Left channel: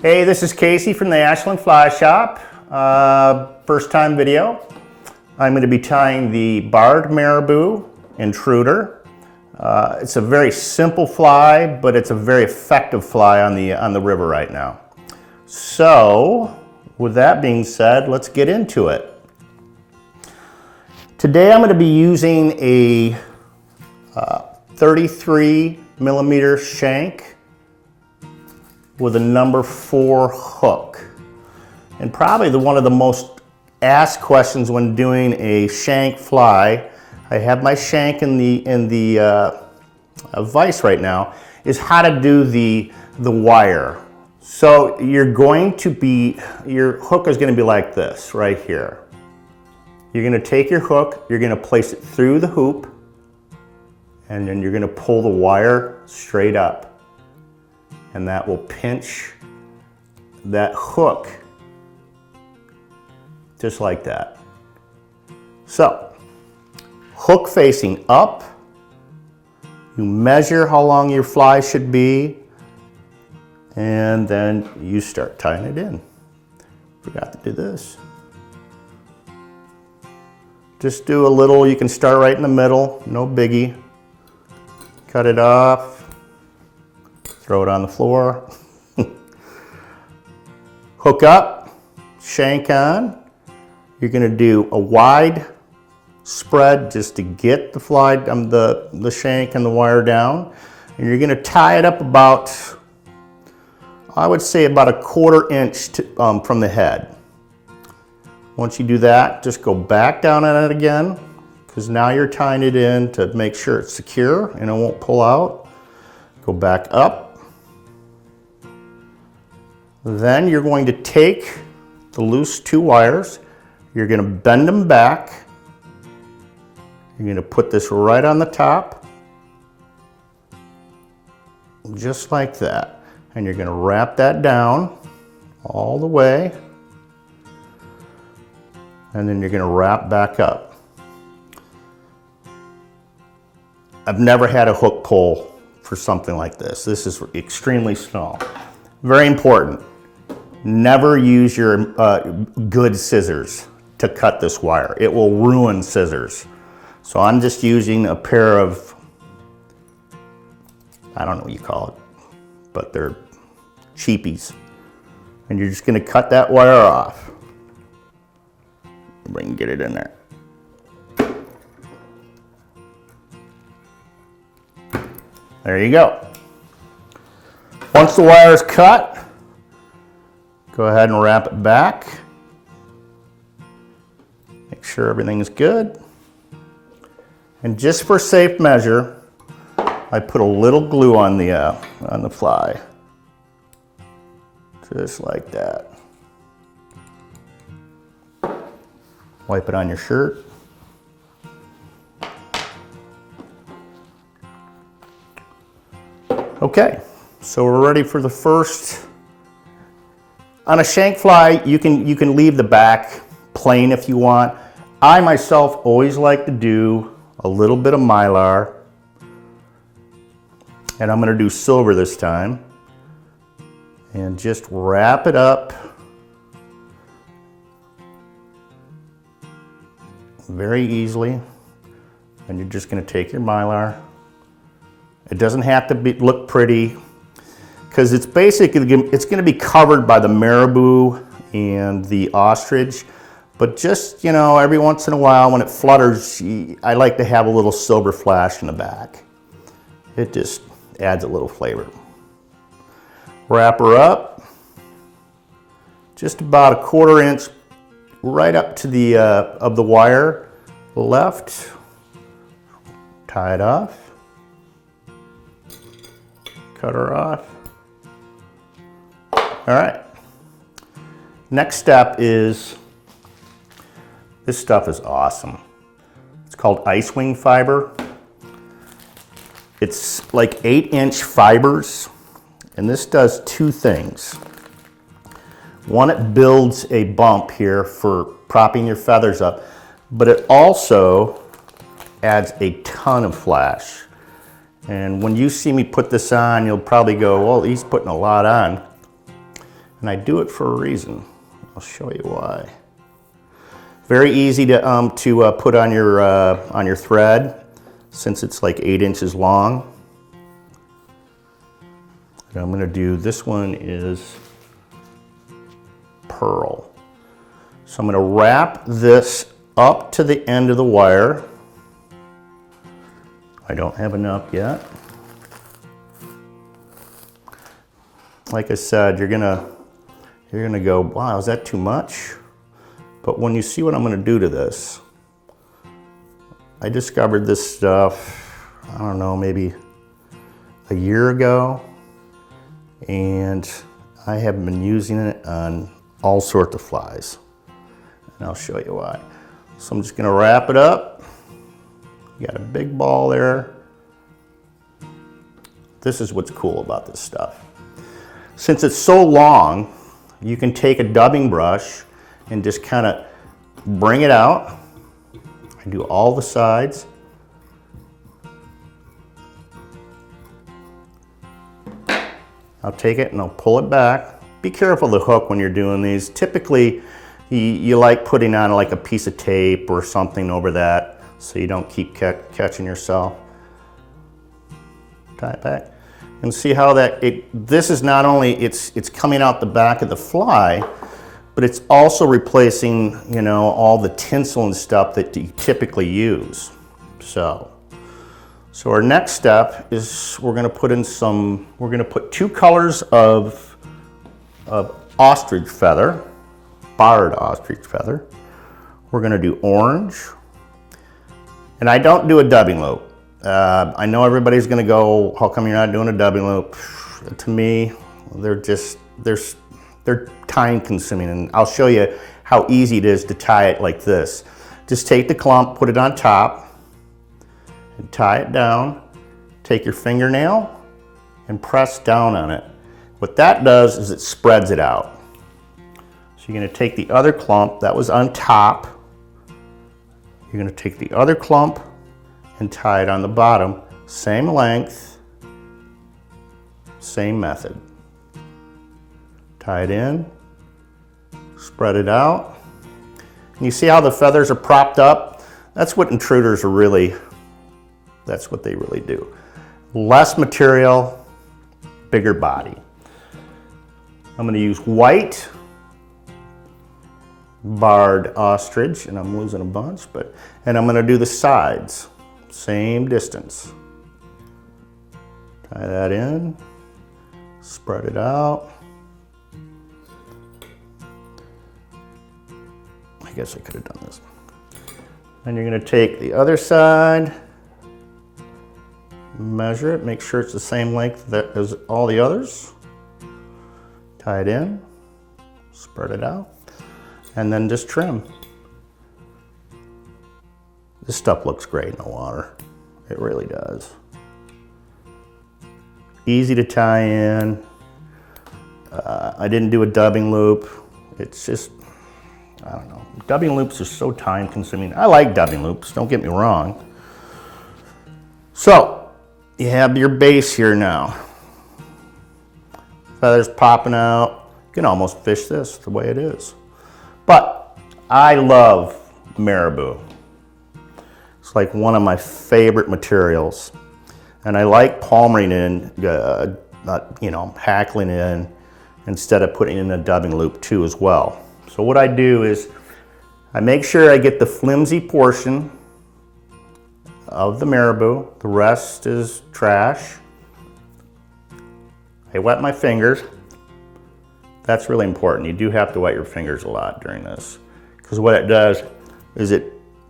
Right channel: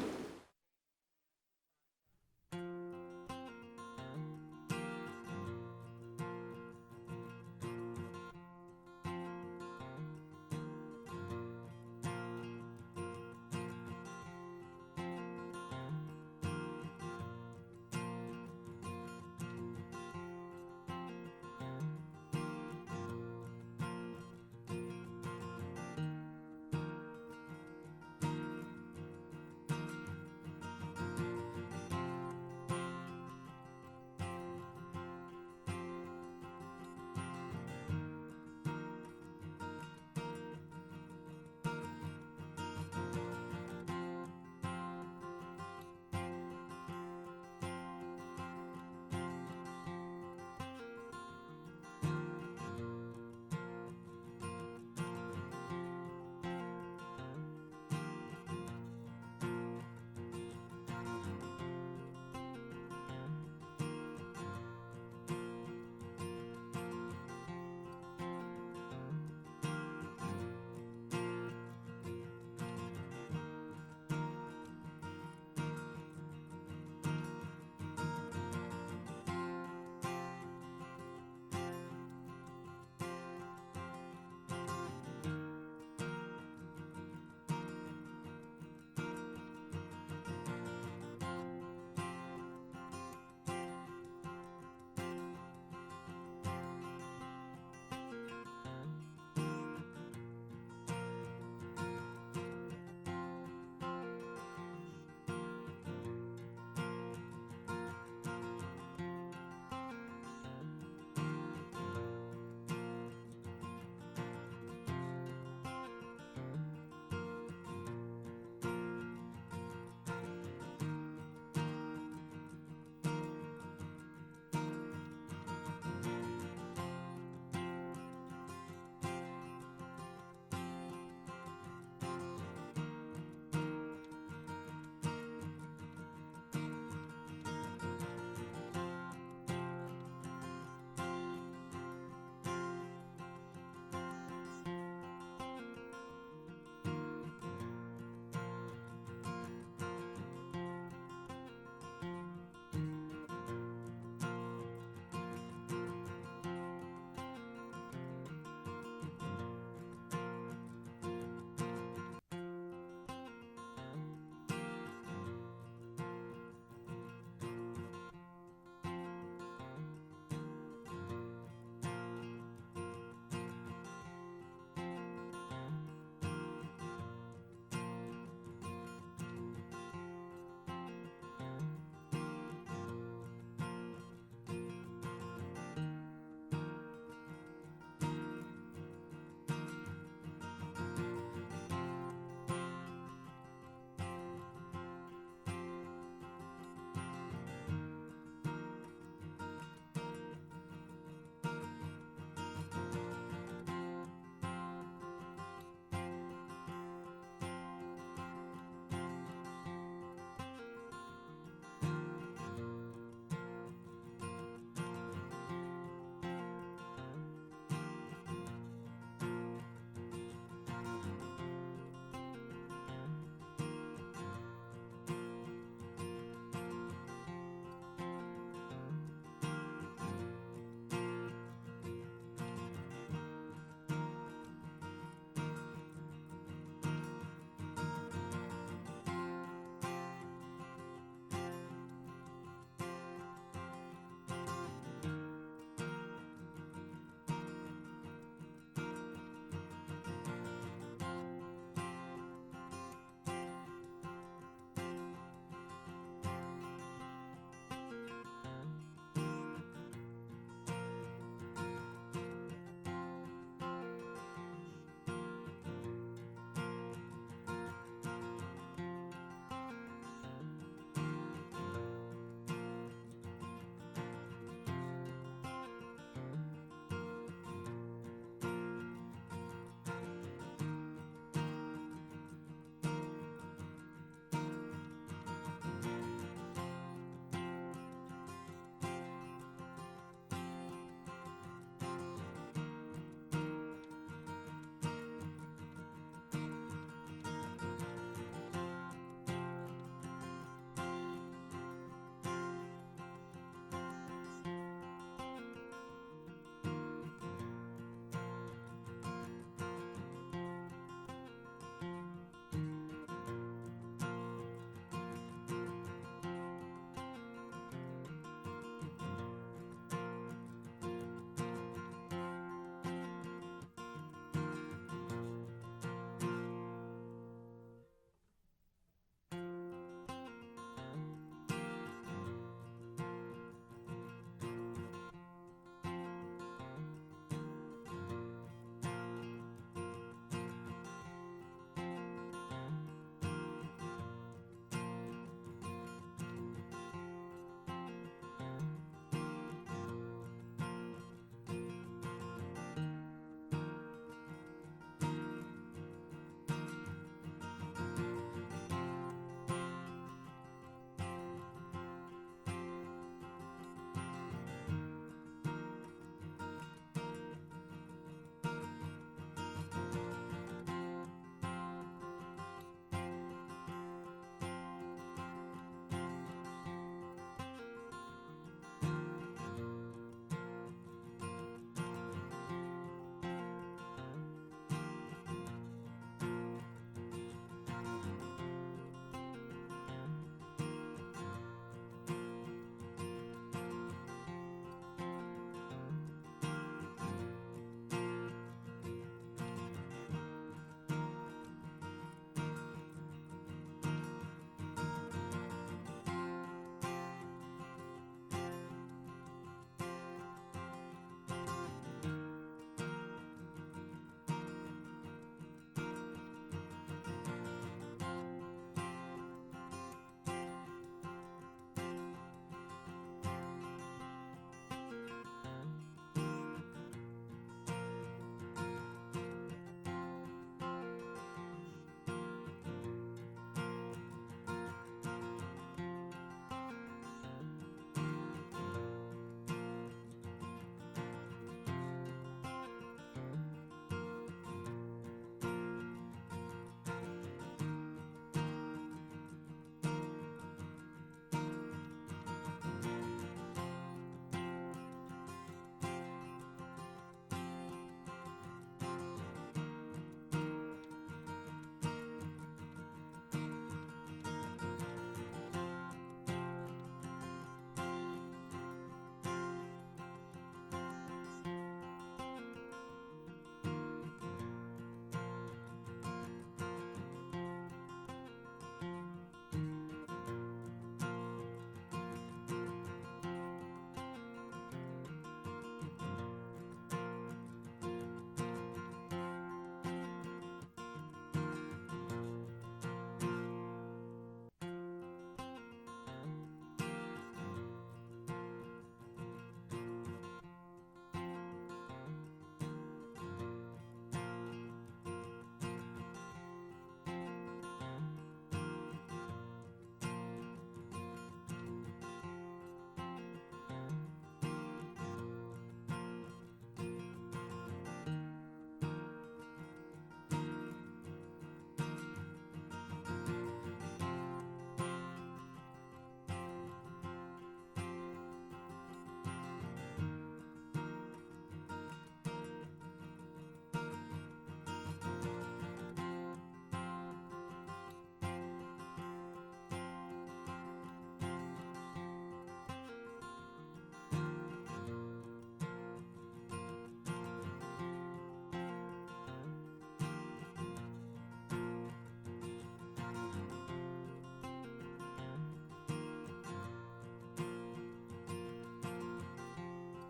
Hey, this is Casey from the Ashland Fly Shop. First time video. I'm going to be tying the Barred Marabou Intruder. It's a very simple fly, but it's a very effective fly on the river right now. So, with that being said, let's get into it. Today I'm going to be using a 33mm shank with a number 4 hook. And probably one of the most asked questions when doing a shank fly, I have my shank in the vise right now, is how to do the wire. So your hook is going to be like this right here. You're going to take your hook, you're going to place it through the hoop, and then you're going to pull the wire straight up. And that will pinch that hook just like that. So, hook facing up, you measure how long your fly should be, and then you start tying it in. Forgot to do this. Just do a little, you can start right in the middle, no biggie. Cut it off. Throw it on the floor. Hook up, shank on. You're going to do a wide spread just to get the fly, the shank and the wire down. And you're going to tie it up about, I would say about 1/4 inch from the head. Once you do that, just go back down on it again, because now you're tying it in to make sure it's secure and it won't pull out. Go back up. Then you're going to take the loose 2 wires, you're going to bend them back, you're going to put this right on the top, just like that, and you're going to wrap that down all the way, and then you're going to wrap back up. I've never had a hook pull for something like this. This is extremely small. Very important. Never use your good scissors to cut this wire. It will ruin scissors. So I'm just using a pair of, I don't know what you call it, but they're cheapies. And you're just going to cut that wire off. We can get it in there. There you go. Once the wire is cut, go ahead and wrap it back. Make sure everything is good. And just for safe measure, I put a little glue on the fly. Just like that. Wipe it on your shirt. Okay, so we're ready for the first. On a shank fly, you can leave the back plain if you want. I myself always like to do a little bit of Mylar, and I'm going to do silver this time, and just wrap it up very easily, and you're just going to take your Mylar. It doesn't have to look pretty, because it's basically, it's going to be covered by the marabou and the ostrich, but just, you know, every once in a while when it flutters, I like to have a little silver flash in the back. It just adds a little flavor. Wrap her up, just about 1/4 inch right up to the of the wire left. Tie it off. Cut her off. All right. Next step is, this stuff is awesome. It's called ice wing fiber. It's like 8-inch fibers, and this does 2 things. One, it builds a bump here for propping your feathers up, but it also adds a ton of flash. And when you see me put this on, you'll probably go, well, he's putting a lot on. And I do it for a reason. I'll show you why. Very easy to put on your thread, since it's like 8 inches long. And I'm going to do, this one is pearl. So I'm going to wrap this up to the end of the wire. I don't have enough yet. Like I said, you're gonna go, wow, is that too much? But when you see what I'm gonna do to this, I discovered this stuff, I don't know, maybe a year ago, and I have been using it on all sorts of flies. And I'll show you why. So I'm just gonna wrap it up. You got a big ball there. This is what's cool about this stuff. Since it's so long, you can take a dubbing brush and just kind of bring it out. I do all the sides. I'll take it and I'll pull it back. Be careful of the hook when you're doing these. Typically, you like putting on like a piece of tape or something over that so you don't keep catching yourself. Tie it back. And see how this is not only, it's coming out the back of the fly, but it's also replacing, you know, all the tinsel and stuff that you typically use. So our next step is we're gonna put 2 colors of ostrich feather, barred ostrich feather. We're gonna do orange. And I don't do a dubbing loop. I know everybody's gonna go, how come you're not doing a dubbing loop? To me, they're time consuming, and I'll show you how easy it is to tie it like this. Just take the clump, put it on top, and tie it down. Take your fingernail and press down on it. What that does is it spreads it out. So you're gonna take the other clump that was on top, you're gonna take the other clump and tie it on the bottom. Same length, same method. Tie it in, spread it out. And you see how the feathers are propped up? That's what intruders are really, that's what they really do. Less material, bigger body. I'm gonna use white barred ostrich, and I'm losing a bunch, and I'm gonna do the sides. Same distance. Tie that in, spread it out. I guess I could have done this. And you're gonna take the other side, measure it, make sure it's the same length as all the others. Tie it in, spread it out, and then just trim. This stuff looks great in the water. It really does. Easy to tie in. I didn't do a dubbing loop. It's just, I don't know. Dubbing loops are so time consuming. I like dubbing loops, don't get me wrong. So, you have your base here now. Feathers popping out. You can almost fish this the way it is. But I love marabou. It's like one of my favorite materials. And I like palmering in, you know, hackling in instead of putting in a dubbing loop too as well. So what I do is I make sure I get the flimsy portion of the marabou. The rest is trash. I wet my fingers. That's really important. You do have to wet your fingers a lot during this, because what it does is it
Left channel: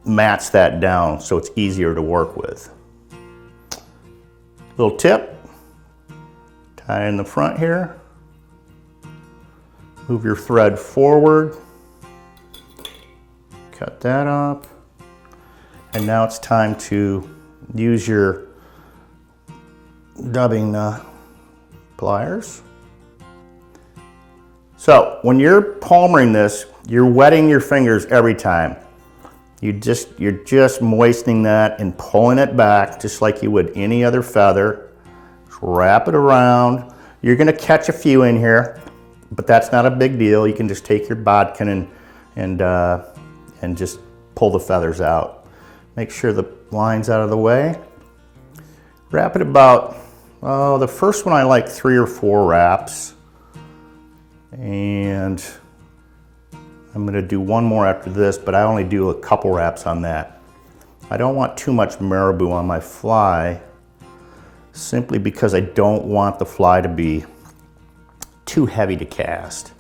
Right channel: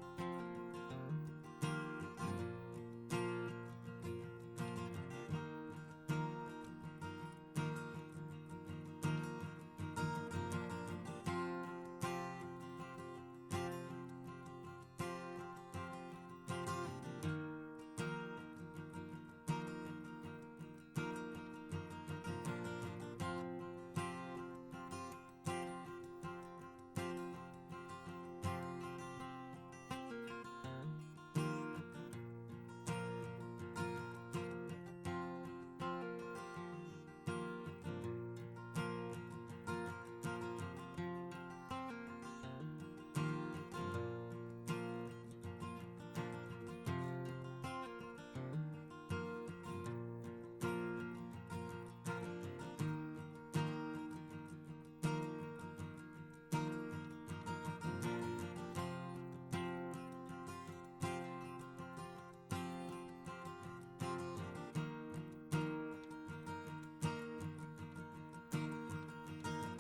mats that down so it's easier to work with. Little tip, tie in the front here, move your thread forward, cut that up, and now it's time to use your dubbing pliers. So when you're palmering this, you're wetting your fingers every time. You're just moistening that and pulling it back just like you would any other feather. Just wrap it around. You're gonna catch a few in here. but that's not a big deal. You can just take your bodkin and just pull the feathers out. Make sure the line's out of the way. Wrap it about, the first one I like 3 or 4 wraps. And I'm gonna do one more after this, but I only do a couple wraps on that. I don't want too much marabou on my fly, simply because I don't want the fly to be too heavy to cast.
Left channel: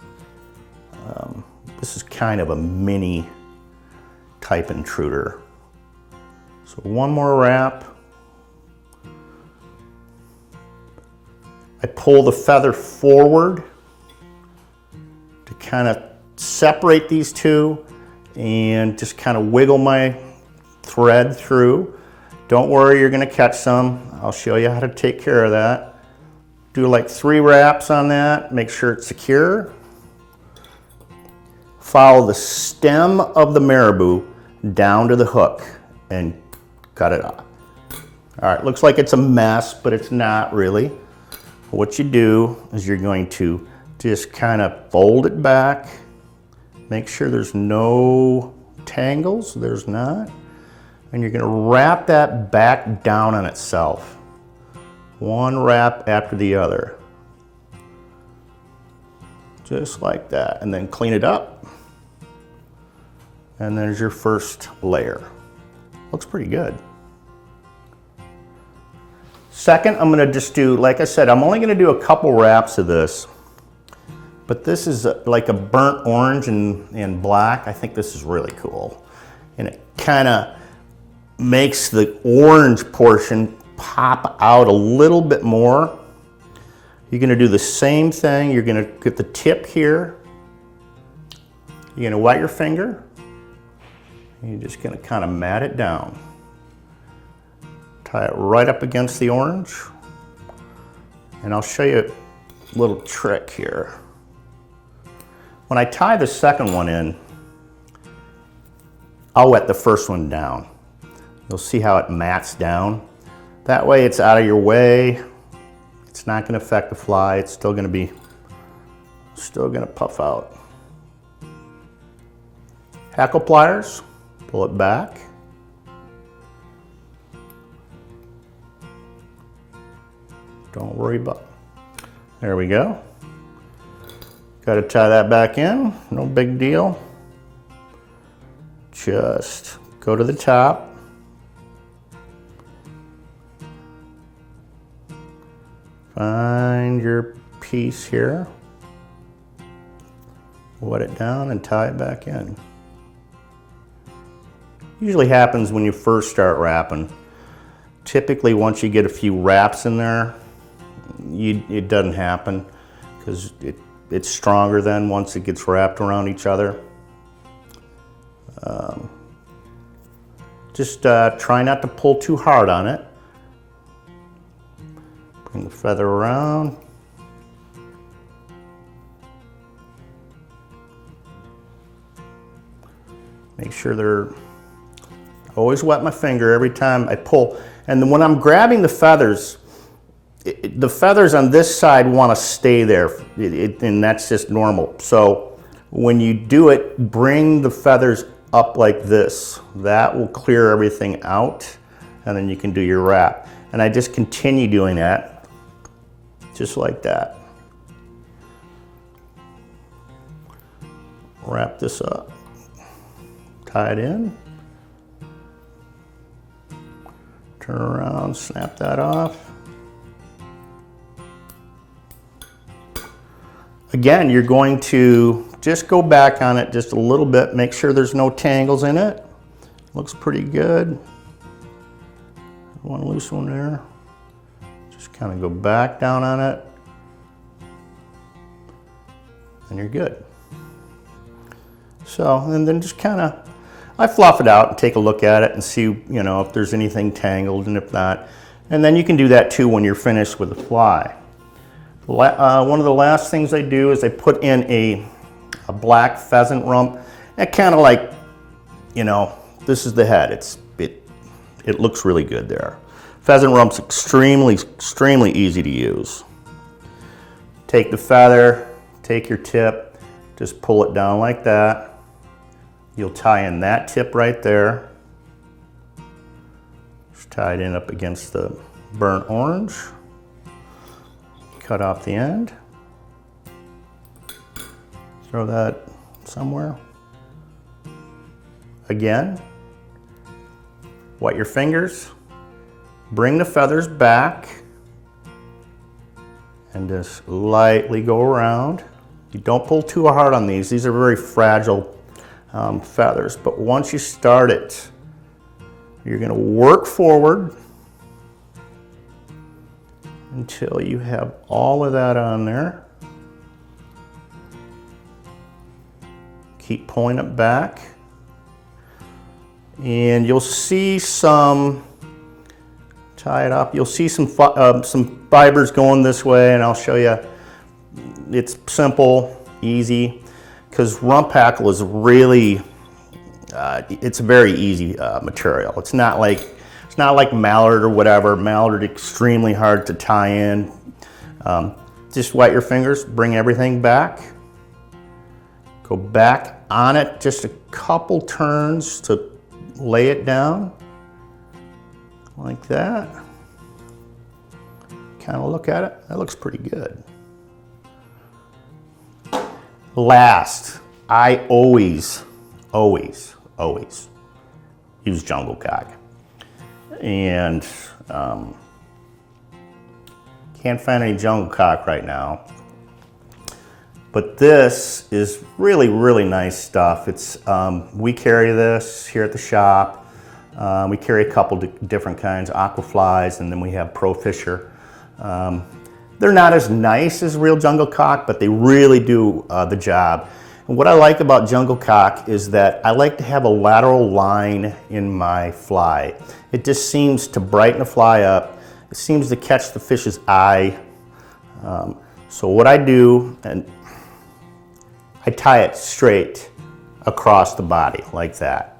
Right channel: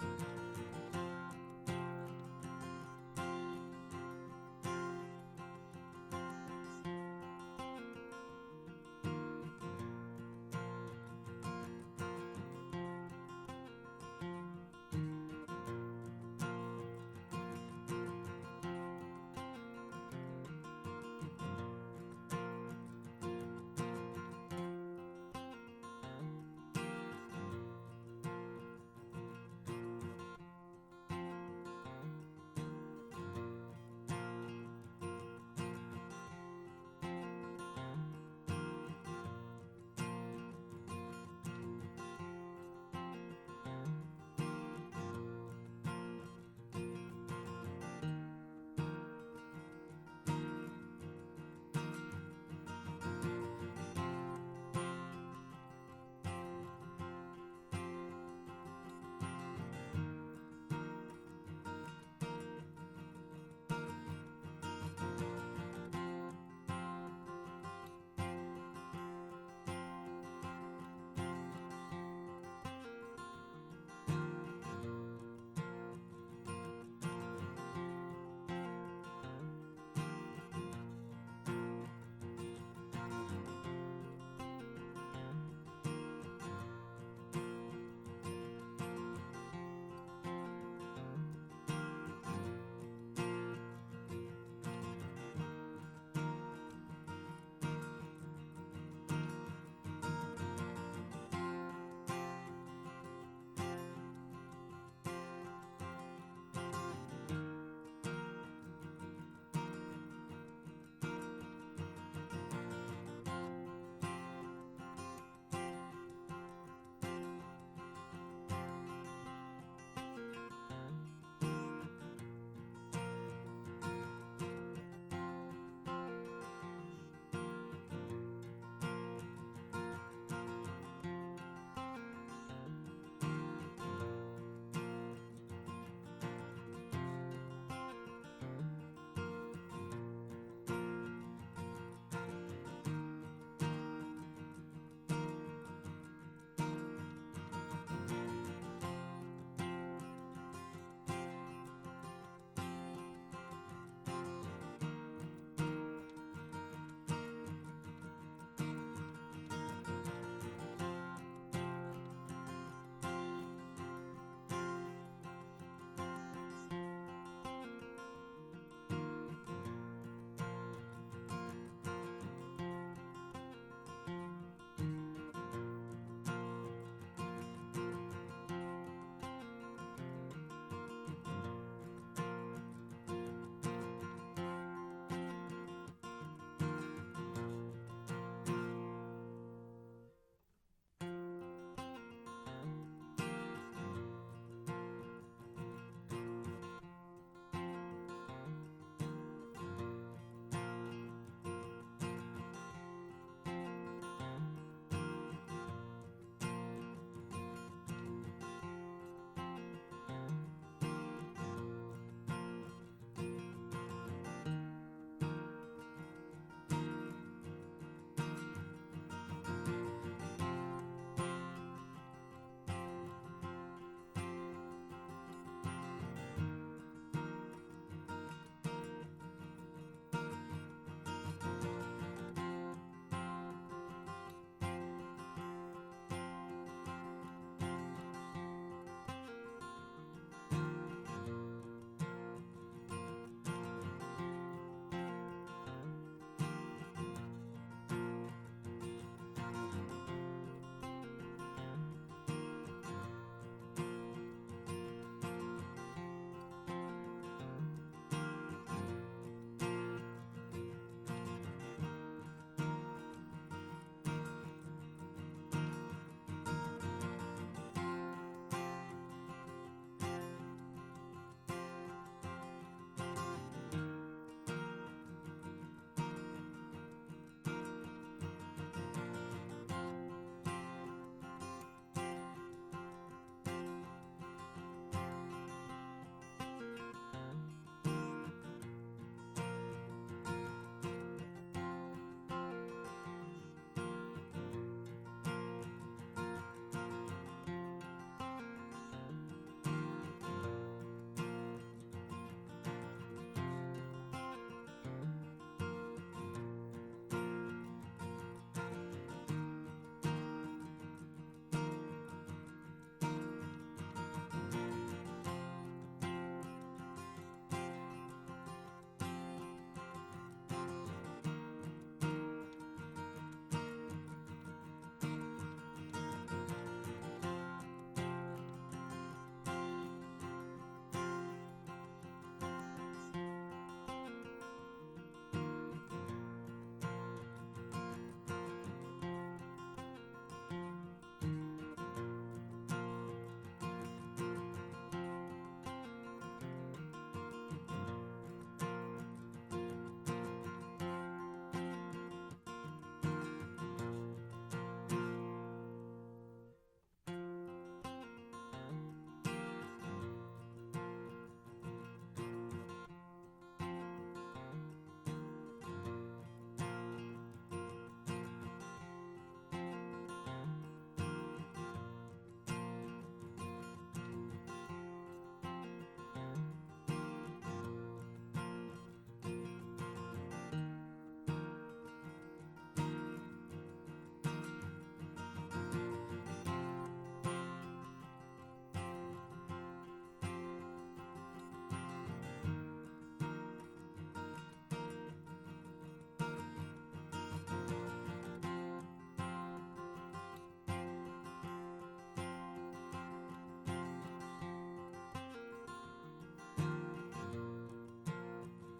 This is kind of a mini type intruder. So one more wrap. I pull the feather forward to kind of separate these two and just kind of wiggle my thread through. Don't worry, you're gonna catch some. I'll show you how to take care of that. Do like 3 wraps on that, make sure it's secure. Follow the stem of the marabou down to the hook and cut it off. All right, looks like it's a mess, but it's not really. What you do is you're going to just kind of fold it back, make sure there's no tangles, there's not, and you're gonna wrap that back down on itself. One wrap after the other. Just like that, and then clean it up. And there's your first layer. Looks pretty good. Second, I'm gonna just do, like I said, I'm only gonna do a couple wraps of this, but this is like a burnt orange and black. I think this is really cool. And it kinda makes the orange portion pop out a little bit more. You're gonna do the same thing. You're gonna get the tip here. You're gonna wet your finger. And you're just gonna kind of mat it down. Tie it right up against the orange. And I'll show you a little trick here. When I tie the second one in, I'll wet the first one down. You'll see how it mats down. That way it's out of your way. It's not gonna affect the fly. It's still gonna puff out. Hackle pliers, pull it back. Don't worry about it. There we go. Got to tie that back in, no big deal. Just go to the top. Find your piece here. Wet it down and tie it back in. Usually happens when you first start wrapping. Typically once you get a few wraps in there, it doesn't happen because it's stronger then once it gets wrapped around each other. Just try not to pull too hard on it. Bring the feather around. Make sure they're, always wet my finger every time I pull. And then when I'm grabbing the feathers on this side want to stay there, and that's just normal. So when you do it, bring the feathers up like this. That will clear everything out, and then you can do your wrap. And I just continue doing that, just like that. Wrap this up, tie it in, turn around, snap that off. Again, you're going to just go back on it just a little bit, make sure there's no tangles in it. Looks pretty good. One loose one there. Just kind of go back down on it, and you're good. So, and then just kind of, I fluff it out and take a look at it and see, you know, if there's anything tangled, and if not. And then you can do that too when you're finished with the fly. One of the last things I do is I put in a black pheasant rump. That kind of like, you know, this is the head. It looks really good there. Pheasant rump's extremely easy to use. Take the feather, take your tip, just pull it down like that. You'll tie in that tip right there. Just tie it in up against the burnt orange. Cut off the end. Throw that somewhere. Again, wet your fingers, bring the feathers back, and just lightly go around. You don't pull too hard on these. These are very fragile feathers, but once you start it, you're going to work forward until you have all of that on there. Keep pulling it back, and you'll see some, tie it up, you'll see some fibers going this way, and I'll show you. It's simple, easy, because rump hackle is really, it's a very easy material. It's not like mallard or whatever. Mallard extremely hard to tie in. Just wet your fingers, bring everything back. Go back on it just a couple turns to lay it down, like that. Kind of look at it, that looks pretty good. Last, I always use jungle cock. And can't find any jungle cock right now. But this is really, really nice stuff. It's we carry this here at the shop. We carry a couple different kinds, Aqua flies, and then we have Pro Fisher. They're not as nice as real jungle cock, but they really do the job. And what I like about jungle cock is that I like to have a lateral line in my fly. It just seems to brighten the fly up. It seems to catch the fish's eye. So what I do, and I tie it straight across the body like that.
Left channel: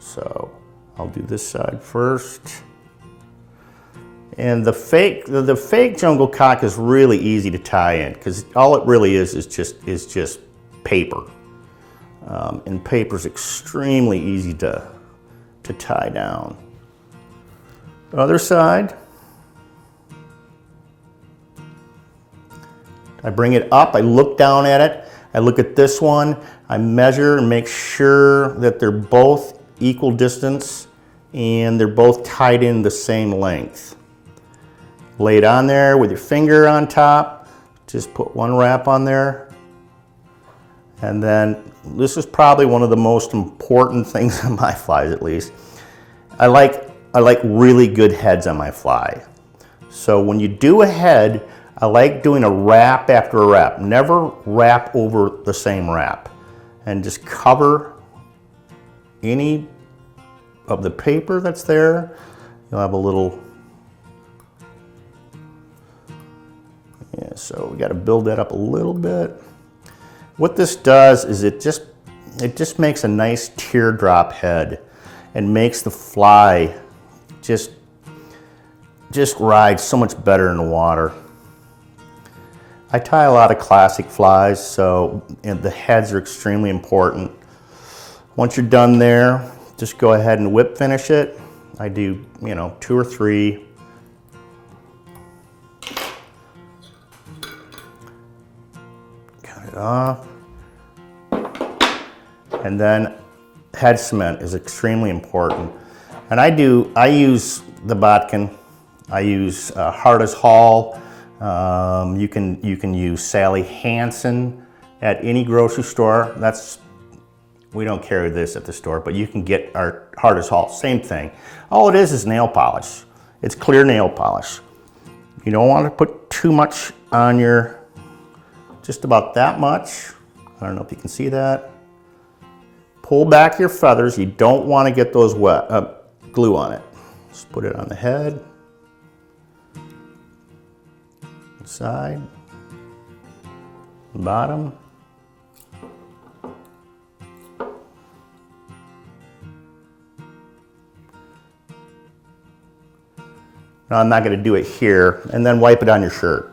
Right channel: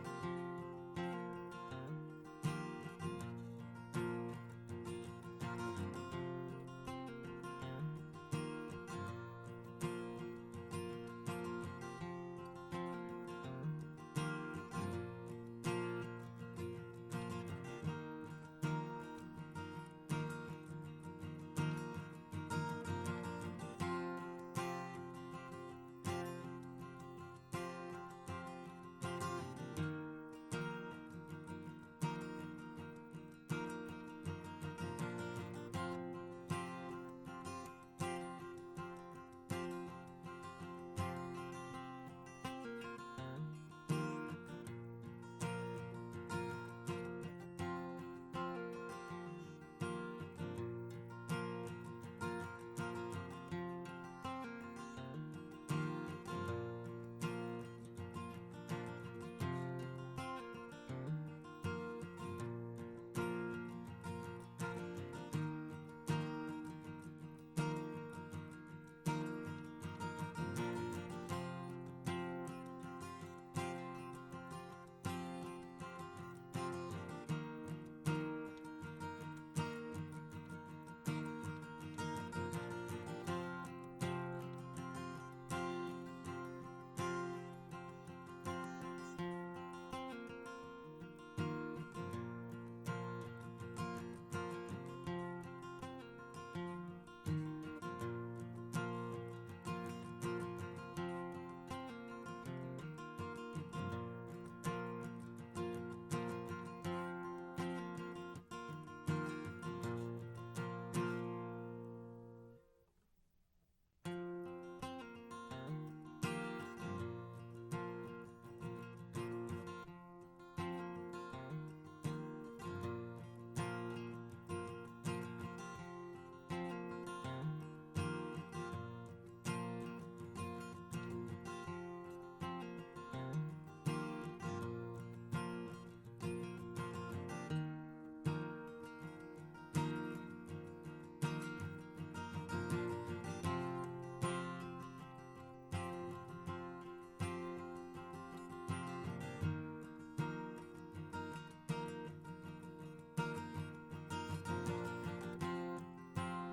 So I'll do this side first. And the fake jungle cock is really easy to tie in because all it really is just paper. And paper is extremely easy to tie down. Other side. I bring it up, I look down at it, I look at this one, I measure and make sure that they're both equal distance and they're both tied in the same length. Lay it on there with your finger on top, just put one wrap on there. And then this is probably one of the most important things on my flies, at least. I like really good heads on my fly. So when you do a head, I like doing a wrap after a wrap. Never wrap over the same wrap. And just cover any of the paper that's there. You'll have a little, yeah, so we got to build that up a little bit. What this does is it just makes a nice teardrop head and makes the fly just ride so much better in the water. I tie a lot of classic flies, so the heads are extremely important. Once you're done there, just go ahead and whip finish it. I do, 2 or 3. Cut it off. And then head cement is extremely important. And I use the Bobbin. I use Hardest Hall. You can use Sally Hansen at any grocery store. We don't carry this at the store, but you can get our Hardest Hall, same thing. All it is nail polish. It's clear nail polish. You don't want to put too much on your, just about that much. I don't know if you can see that. Pull back your feathers. You don't want to get those wet, glue on it. Just put it on the head. Side, bottom. Now I'm not going to do it here, and then wipe it on your shirt.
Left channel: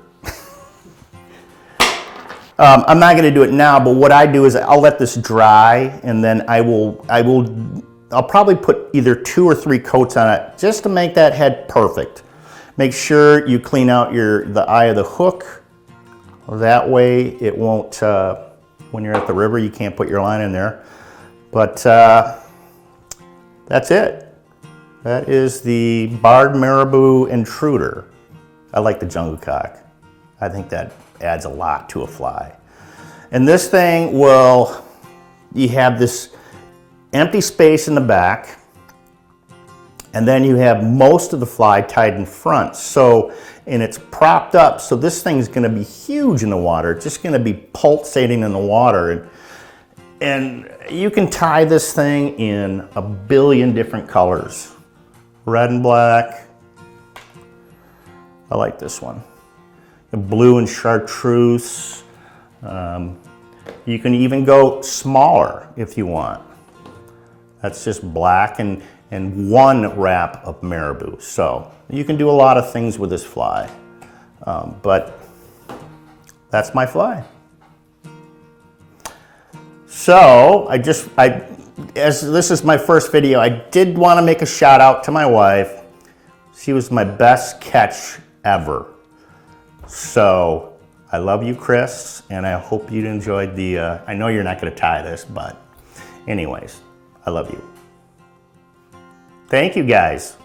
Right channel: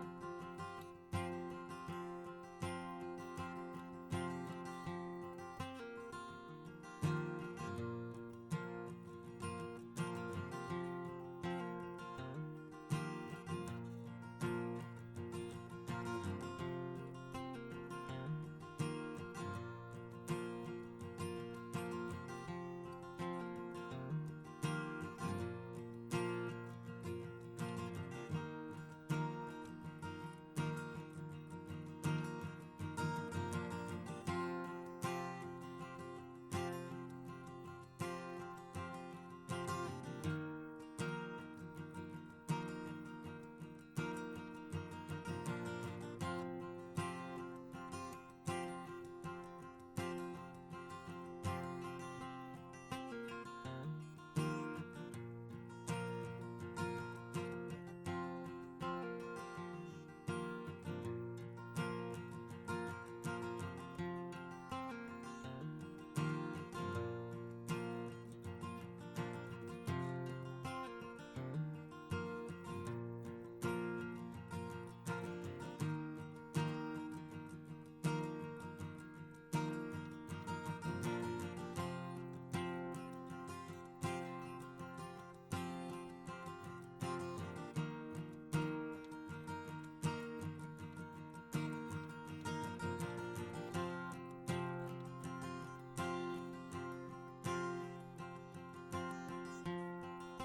I'm not going to do it now, but what I do is I'll let this dry, and then I'll probably put either 2 or 3 coats on it just to make that head perfect. Make sure you clean out the eye of the hook. That way it won't, when you're at the river, you can't put your line in there. But that's it. That is the Barred Marabou Intruder. I like the jungle cock. I think that adds a lot to a fly. And this thing you have this empty space in the back, and then you have most of the fly tied in front. And it's propped up, so this thing's gonna be huge in the water. It's just gonna be pulsating in the water. And you can tie this thing in a billion different colors. Red and black. I like this one. The blue and chartreuse. You can even go smaller if you want. That's just black and 1 wrap of marabou. So you can do a lot of things with this fly, but that's my fly. So as this is my first video, I did want to make a shout out to my wife. She was my best catch ever. So I love you, Chris, and I hope you enjoyed I know you're not going to tie this, but anyways, I love you. Thank you, guys.